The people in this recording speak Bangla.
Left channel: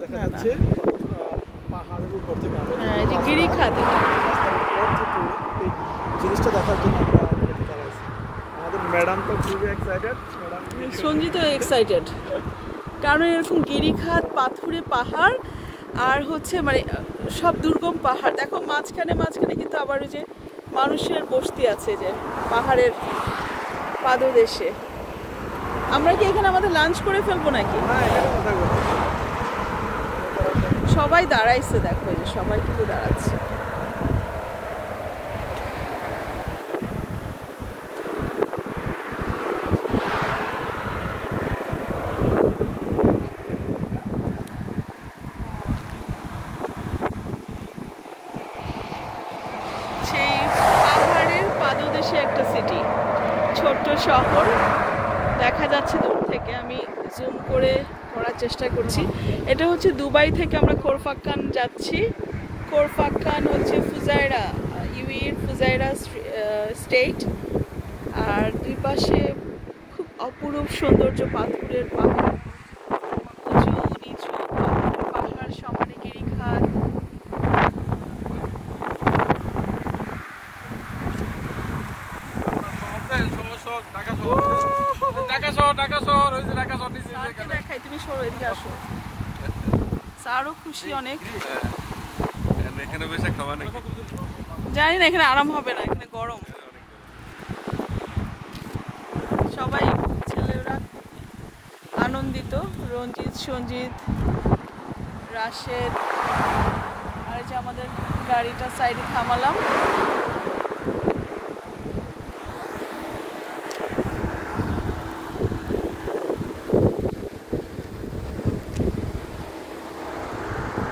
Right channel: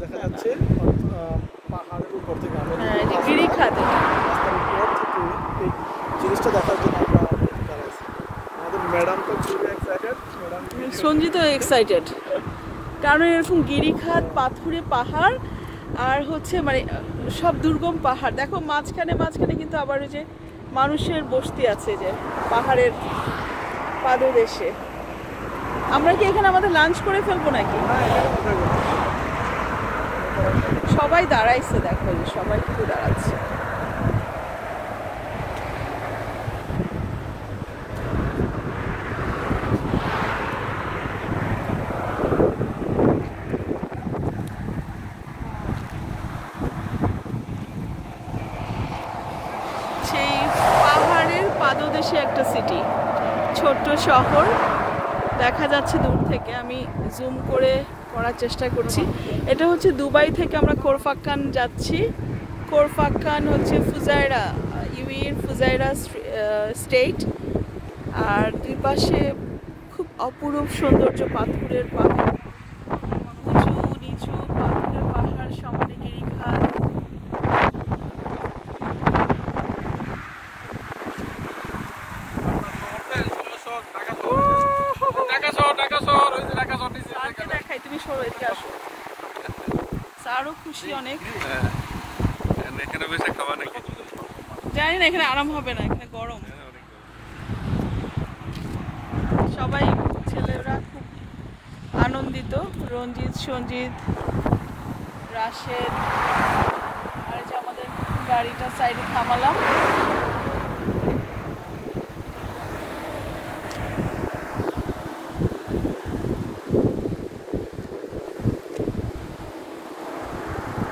দেখা যাচ্ছে পাহাড়ের উপর থেকে হ্যাঁ, এই যে গিরিখাত। এই জিনিসটা দেখার জন্য আমাদের ম্যাডাম তো খুবই এক্সাইটেড। সঞ্জিত এক্সাইটেড, কারণ এরকম গিরিখাত, পাথুরে পাহাড়, আর হচ্ছে মানে সব দুর্গম পাহাড়। দেখো মাঝখানে মাঝখানে কিন্তু আবার ওই যে মানুষের বসতি আছে, যে পাহাড়ের পাদদেশে। আমরা কি এখানে আমাদের লাঞ্চ করে ফেলবো নাকি? সবাই দাঁড়াইছে, দেখো যে সবাই কিন্তু দাঁড়াচ্ছে। সেই পাহাড়ের পাদদেশে একটা সিটি, ছোট্ট শহর দেখা যাচ্ছে দূর থেকে। আমি জুম করে করার চেষ্টা করছি। এটা হচ্ছে দুবাই থেকে আমরা কোরফাক্কান যাচ্ছি। কোরফাক্কান হচ্ছে ফুজাইরা, ইউএইর ফুজাইরা স্টেট। আর দুই পাশে খুব অপরূপ সৌন্দর্য, পাথরের পাহাড়, উঁচু নিচু পাথরের পাহাড়, সামনে গিরিখাত। দেখাই, তুমি সরো, এদিকে আসো। স্যারও খুশি অনেক। এখানে বসে খাওয়া নাকি জানি না, এখানে আরাম হবে না, এখানে গরম। সবাই ছেলেরা খুব আনন্দিত। রঞ্জিত, সঞ্জিত, রাশেদ। আর যে আমাদের গাড়িটা সাইডে থামালাম।